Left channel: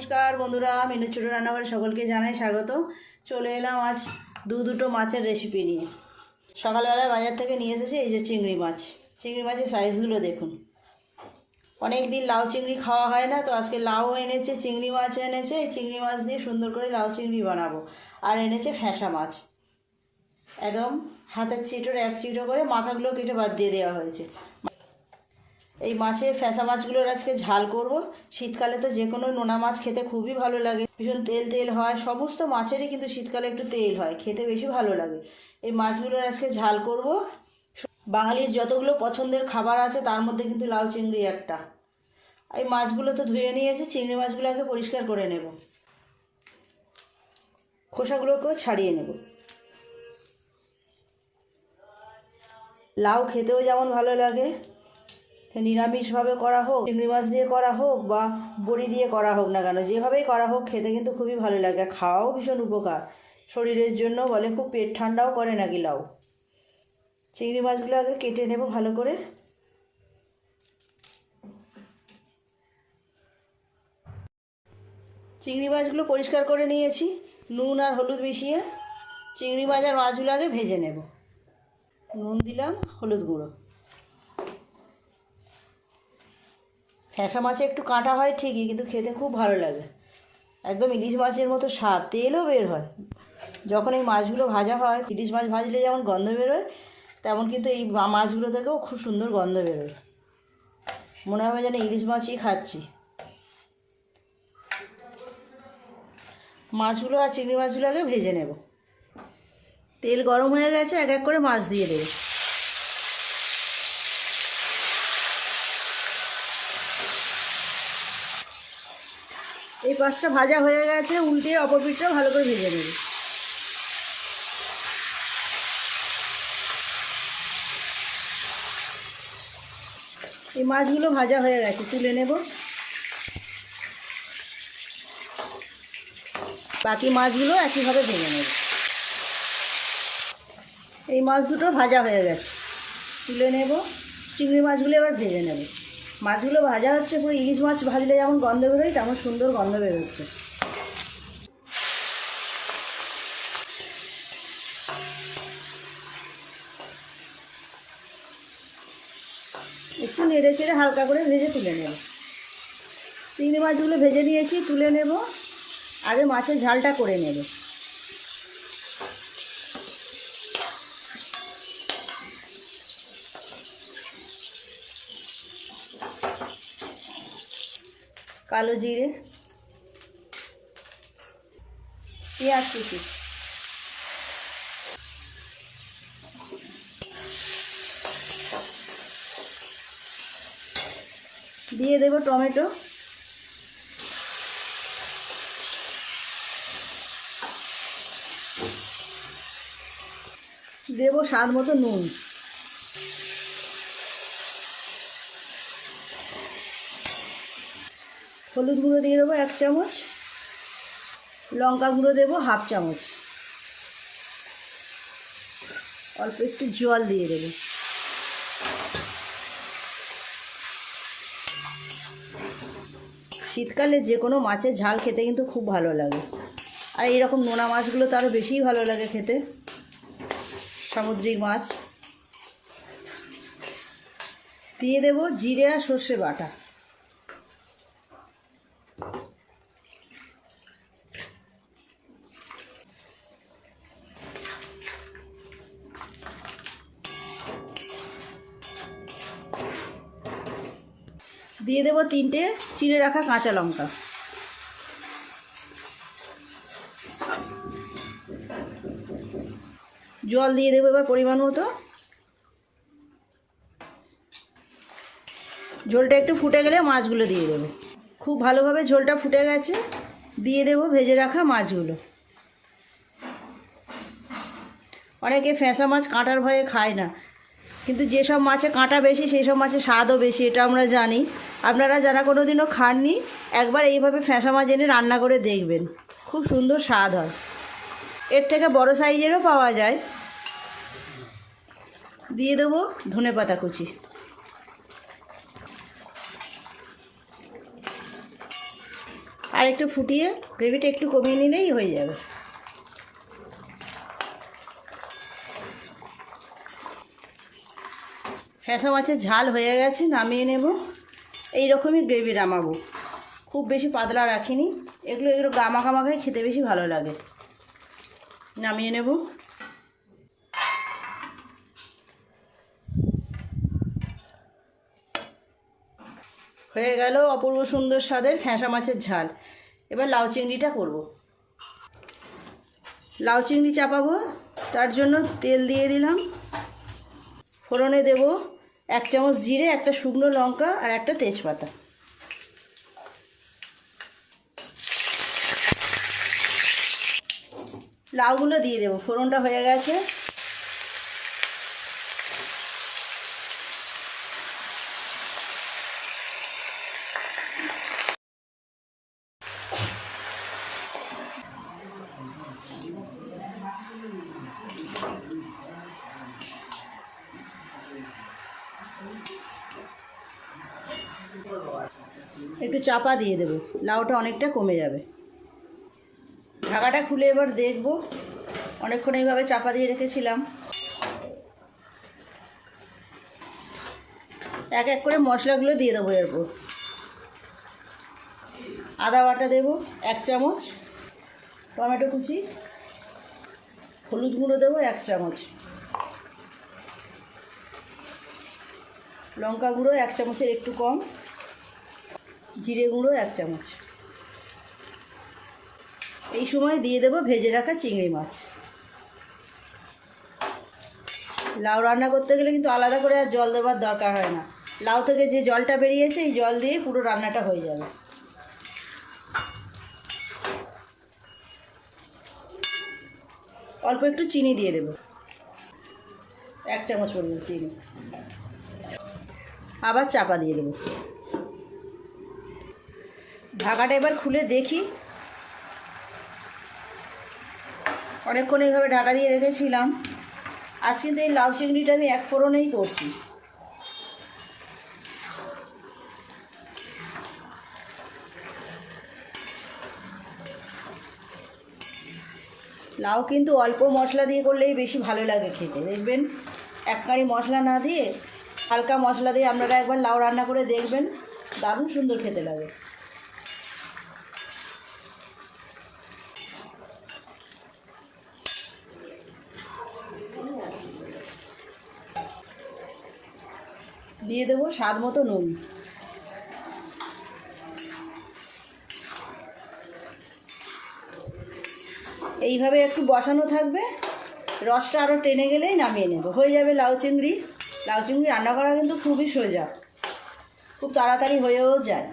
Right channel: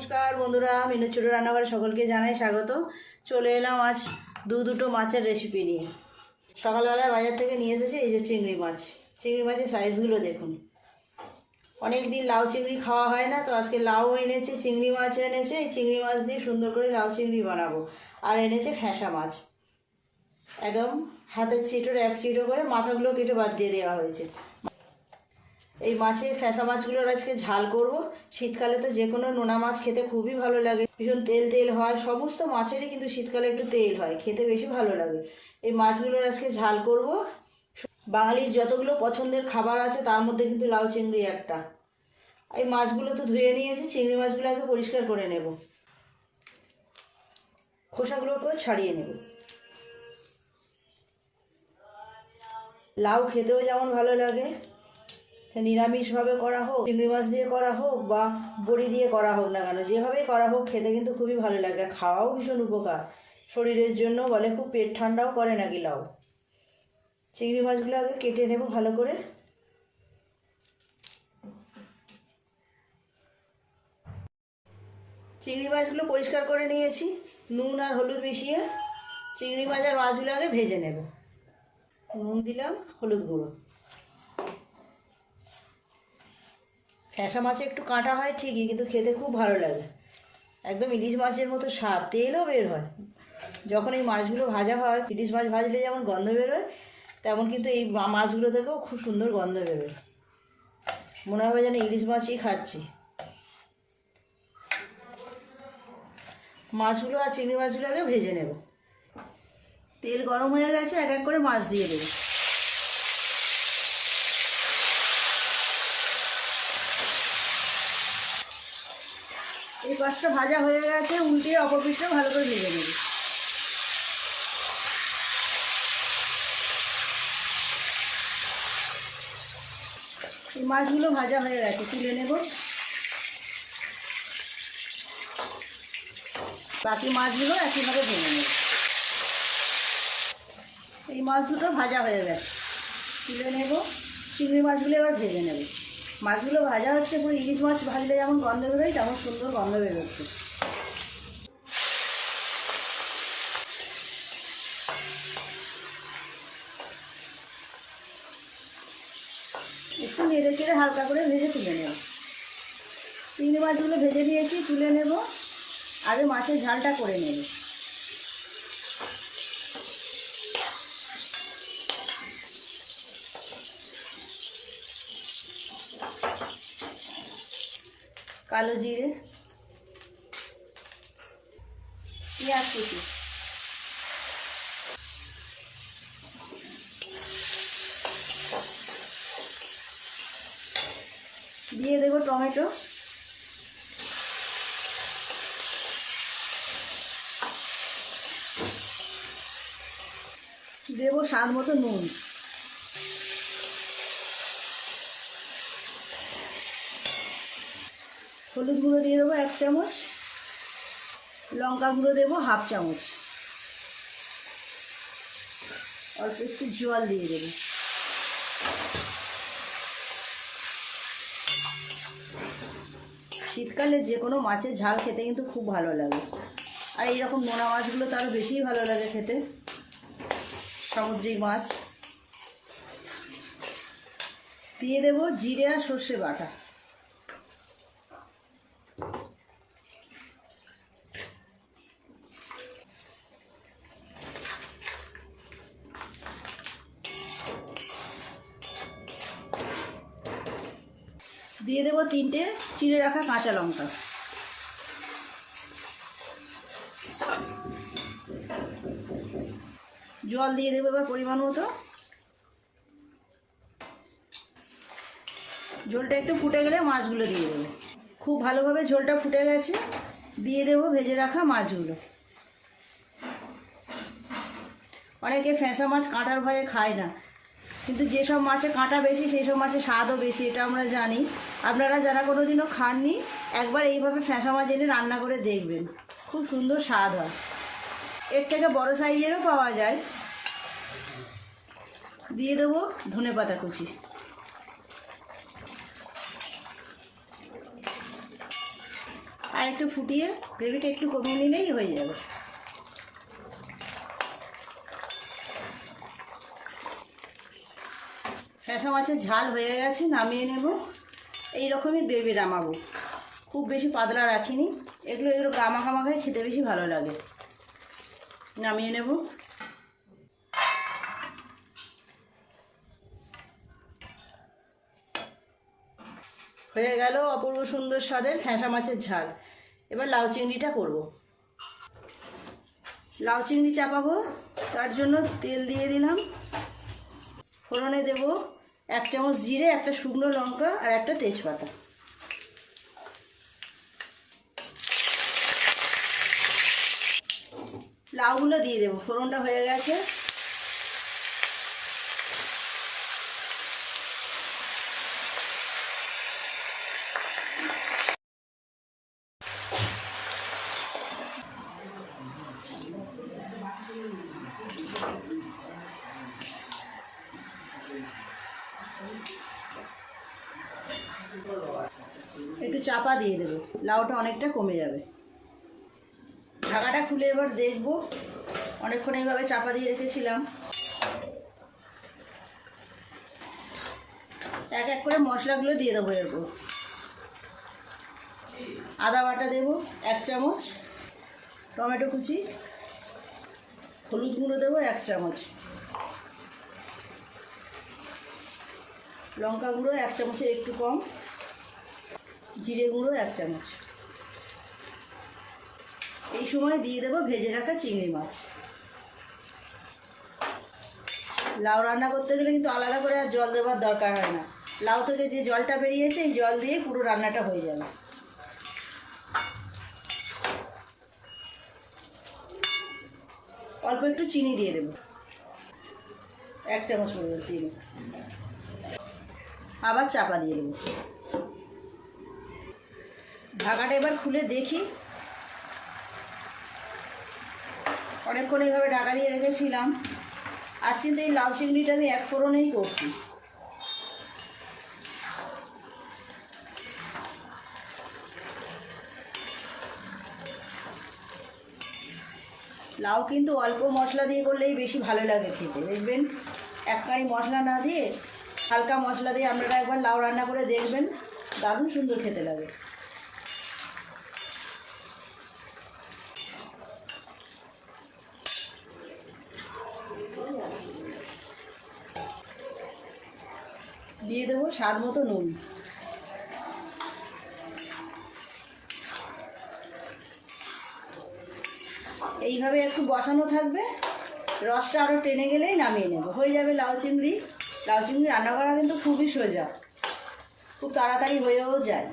নমস্কার বন্ধুরা, মিনু ছোটো রান্নাঘরে সকলকে জানাই স্বাগত। চলে এলাম আজ দুটো মাছের রেসিপি নিয়ে। সকালবেলা বাজার থেকে নিয়ে এসেছি এই যে চিংড়ি মাছ। চিংড়ি মাছের সাইজগুলো দেখুন। অনেক দিন লাউ চিংড়ি খাওয়া হয় না, তো আজকে লাউ এনেছে, চিংড়ি মাছ এনেছে। এই চিংড়ি মাছ দিয়ে সুন্দর করে লাউ চিংড়ি বানাবো। আর এনেছে ফ্যাঁসা মাছ, একদম হাতের চিটোর এক চিটো করে মাথাগুলো কেটে বাদ দিয়ে দেওয়া হয়েছে। এই মাছের ফ্যাঁসা মাছগুলোর আজকে ঝাল করব। শীতকালে তো যে কোনো নোনা মাছ খেতে খুবই ভালো লাগে, ভীষণ তেল তেল হয়। সমস্ত মাছেরই কিন্তু শীতকালে একটু তেল হয়, খেতে বেশি ভালো লাগে। এই মাছগুলোর আজকে ঝাল করব। বাঙালির যতগুলো পছন্দের খাবার আছে তার মধ্যে কিন্তু লাউ চিংড়ি একটা। এই মাছগুলো তো ধুয়ে নিয়েছি, চিংড়ি মাছগুলোকে পরিষ্কার করে নেব, খোসাগুলোকেও ছাড়িয়ে নেব। লাউ খেতেও যেমন ভালো লাগে, নিরামিষভাবে করা হোক, চিংড়ি মাছ দিয়ে করা হোক বা বড়ি দিয়ে করা হোক না কেন, যেভাবেই করা হোক খেতে কিন্তু খুবই ভালো লাগে। আর খাওয়াও ভীষণ উপকার শরীরের জন্য, বলে খুব পেট ঠান্ডাও করে নাকি লাউ। চিংড়ি মাছগুলো আগে কেটে নেব ভালো করে। চিংড়ি মাছগুলো পরিষ্কার করে নিয়েছি, নুন আর হলুদ মিশিয়ে চিংড়ি মাছ আর মাছগুলো আগে ভেজে নেব। নুন দিলাম, হলুদ গুঁড়ো। ফ্যাঁসা মাছে একটু কাঁটা হয় ঠিকই, কিন্তু খেতে খুব ভালো লাগে, একদম ইলিশ মাছের মতো স্বাদ, তেলও বের হয় যখন এই মাছগুলো ভাজা হয়। ইলিশ মাছ ভাজলে যেমন গন্ধ বেরোয়, তেমন কিন্তু এই মাছগুলো থেকেও খুব সুন্দর গন্ধ বেরোয়, মনে হবে যেন ইলিশ মাছই খাচ্ছি। মাছগুলো আর চিংড়ি মাছগুলো আগে ভেজে নেব। তেল গরম হয়ে গেছে, এক এক করে মাছ দিয়ে দেবো। এই পাশটা ভাজা হয়ে গেছে, উল্টে অপর পিঠটাও ভালো করে ভেজে নেব। এই মাছগুলো ভাজা হয়ে গেছে, তুলে নেব। বাকি মাছগুলো একইভাবে ভেজে নেব। এই মাছ দুটো ভাজা হয়ে গেছে, তুলে নেব। চিংড়ি মাছগুলো এবার ভেজে নেব। মাছগুলো ভাজা হচ্ছে, পুরো ইলিশ মাছ ভাজলে যেমন গন্ধ বেরোয় তেমন সুন্দর গন্ধ বেরোচ্ছে। একটু নেড়ে চেড়ে হালকা করে ভেজে তুলে নেব। চিংড়ি মাছগুলো ভেজে নিয়েছি, তুলে নেব। আগে মাছের ঝালটা করে নেব। কালো জিরে, পেঁয়াজ কুচি, দিয়ে দেব টমেটো, দেব স্বাদ মতো নুন, হলুদ গুঁড়ো দিয়ে দেবো 1 চামচ, লঙ্কা গুঁড়ো দেবো 1/2 চামচ, অল্প একটু জল দিয়ে দেবো। শীতকালে যে কোনো মাছের ঝাল খেতে কিন্তু খুব ভালো লাগে, আর এইরকম নোনা মাছগুলো তো আরও বেশিই ভালো লাগে খেতে, সামুদ্রিক মাছ। দিয়ে দেব জিরে আর সর্ষে বাটা, দিয়ে দেব 3টে চিড়ে রাখা কাঁচা লঙ্কা, জল দিয়ে দেবো এবার পরিমাণ মতো। ঝোলটা একটু ফুটে গেলে মাছগুলো দিয়ে দেবো। খুব ভালোভাবে ঝোলটা ফুটে গেছে, দিয়ে দেবো ভেজে রাখা মাছগুলো। অনেকে ফ্যাঁসা মাছ কাঁটার ভয়ে খায় না, কিন্তু যেসব মাছে কাঁটা বেশি সেই সব মাছের স্বাদও বেশি, এটা আমরা জানি। আপনারা যারা কোনো দিনও খাননি, একবার এইভাবে ফ্যাঁসা মাছ এনে রান্না করে দেখবেন, খুব সুন্দর স্বাদ হয়। এর থেকে বড় সাইজেরও পাওয়া যায়। দিয়ে দেবো ধনেপাতা কুচি, আর একটু ফুটিয়ে গ্রেভিটা একটু কমিয়ে নিলেই হয়ে যাবে। ফ্যাঁসা মাছের ঝাল হয়ে গেছে, নামিয়ে নেব। এই রকমই গ্রেভি নামাবো, খুব বেশি পাতলা রাখিনি। এগুলো গামাখামাখাই খেতে বেশি ভালো লাগে। নামিয়ে নেব। হয়ে গেল অপূর্ব সুন্দর স্বাদের ফ্যাঁসা মাছের ঝাল। এবার লাউ চিংড়িটা করব। লাউ চিংড়ি চাপাবো, তার জন্য তেল দিয়ে দিলাম। ফোড়নে দেব 1 চামচ জিরে, একটা শুকনো লঙ্কা আর একটা তেজপাতা। লাউগুলো দিয়ে দেবো। ফোড়নটা হয়ে গেছে। একটু চাপা দিয়ে দেবো, লাউটা অনেকটা কমে যাবে। ঢাকাটা খুলে এবার দেখব। অনেকক্ষণ এইভাবে চাপা দিয়ে রেখেছিলাম। এক এক করে মশলাগুলো দিয়ে দেবো। এরপর আদা বাটা দেবো 1 চামচ, টমেটো কুচি, হলুদ গুঁড়ো দেবো 1 চামচ, লঙ্কা গুঁড়ো 1 চামচের একটু কম, জিরে গুঁড়ো 1 চামচ। এই সময় দিয়ে দেবো ভেজে রাখা চিংড়ি মাছ। লাউ রান্না করতে গেলে কিন্তু আলাদা করে আর জল দেওয়ার দরকার হয় না। লাউ থেকে যে জলটা বেরিয়েছে এই জল দিয়ে পুরো রান্নাটা হয়ে যাবে। অল্প একটু চিনি দিয়ে দেবো, 1 চামচ পরিমাণ চিনি। আবার চাপা দিয়ে দেবো। ঢাকাটা এবার খুলে দেখি। অনেকক্ষণ এইভাবে ঢাকা দিয়ে রেখেছিলাম। আজ কিন্তু এই লাউ চিংড়িটা আমি 1 ফোড়নেই করছি। লাউ কিন্তু অল্প মশলা দিয়ে করলেই বেশি ভালো লাগে খেতে। দেখবেন একবারই মশলা না দিয়ে হালকা মশলা দিয়ে আপনারা একবার লাউ রান্না করে দেখবেন, দারুণ সুন্দর খেতে লাগে। দিয়ে দেবো স্বাদ মতো নুন। এইভাবে একটু বসানো থাকবে, রসটা আরও টেনে গেলেই নামিয়ে নেব। হয়ে যাবে লাউ চিংড়ি। লাউ চিংড়ি রান্না করা কিন্তু খুবই সোজা, খুব তাড়াতাড়ি হয়েও যায়।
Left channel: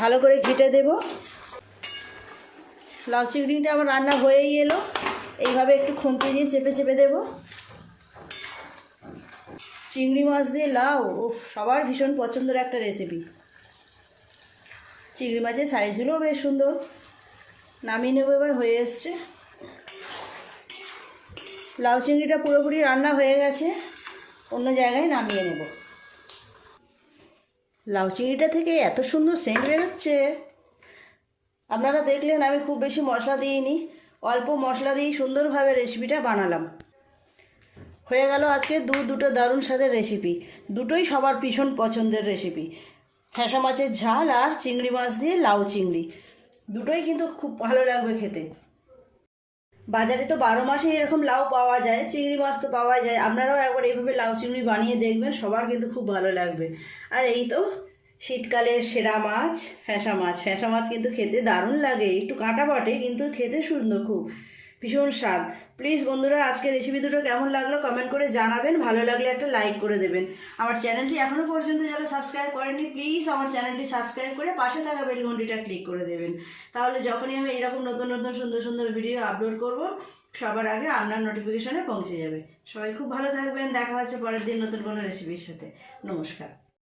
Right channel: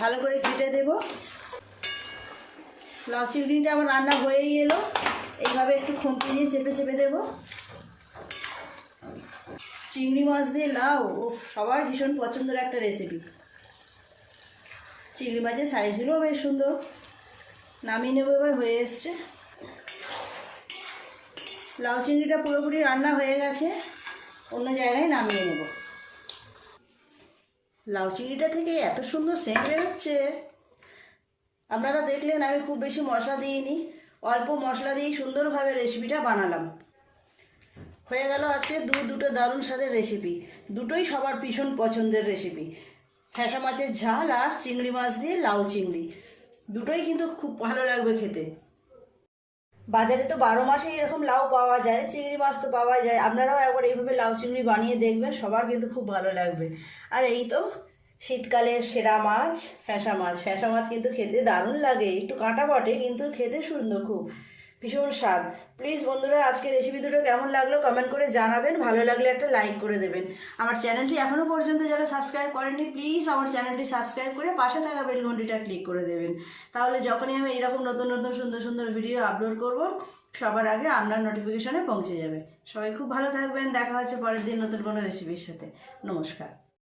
ভালো করে ঘেটে দেব। লাউ চিংড়িটা আমার রান্না হয়েই এলো। এইভাবে একটু খুন্তি দিয়ে চেপে চেপে দেবো। চিংড়ি মাছ দিয়ে লাউ সবার ভীষণ পছন্দের একটা রেসিপি। চিংড়ি মাছের সাইজগুলোও বেশ সুন্দর। নামিয়ে নেবো। এবার হয়ে এসছে। লাউ চিংড়িটা পুরোপুরি রান্না হয়ে গেছে, অন্য জায়গায় নামিয়ে নেব। লাউ চিংড়িটা থেকে এত সুন্দর সেন্ট বেরোচ্ছে, আপনারা দেখলেন আমি খুব বেশি মশলা দিইনি, অল্প মশলা দিয়েই সুন্দরভাবে রেসিপিটা বানালাম। হয়ে গেল আজকে দুটো দারুণ স্বাদের রেসিপি। দুটোই সবার ভীষণ পছন্দের রেসিপি। ফ্যাঁসা মাছের ঝাল আর চিংড়ি মাছ দিয়ে লাউ চিংড়ি, দুটোই কিন্তু খুব ভালো লাগবে খেতে। বাজারে তো 12 মাসে এরকম লাউ পাওয়া যায়, চিংড়ি মাছ তো পাওয়া যায়। আপনারাও একবার এইভাবে লাউ চিংড়ি বানিয়ে দেখবেন, সবার কিন্তু খুব ভালো লাগবে। আর এই তো শীতকালের সেরা মাছ ফ্যাঁসা মাছ। ফ্যাঁসা মাছ কিন্তু খেতে দারুণ লাগে, একটু কাঁটা বটে কিন্তু খেতে সুন্দর, খুব ভীষণ স্বাদ। প্লিজ বন্ধুরা আজকে রেসিপি দুটো কেমন লাগলো কমেন্ট করে জানাবেন। ভালো লাগলে একটা লাইক করে দেবেন। আমার চ্যানেলটি এখনও পর্যন্ত যারা সাবস্ক্রাইব করেননি প্লিজ আমার চ্যানেলটি সাবস্ক্রাইব করে পাশে থাকা বেল ঘন্টিটা ক্লিক করে দেবেন। তাহলে যখনই আমি এরকম নতুন নতুন সুন্দর সুন্দর ভিডিও আপলোড করব সবার আগে আপনার নোটিফিকেশনে পৌঁছে যাবে। সবাই খুব ভালো থাকবেন। দেখা হচ্ছে পরের দিন নতুন কোনো রেসিপির সাথে। নমস্কার।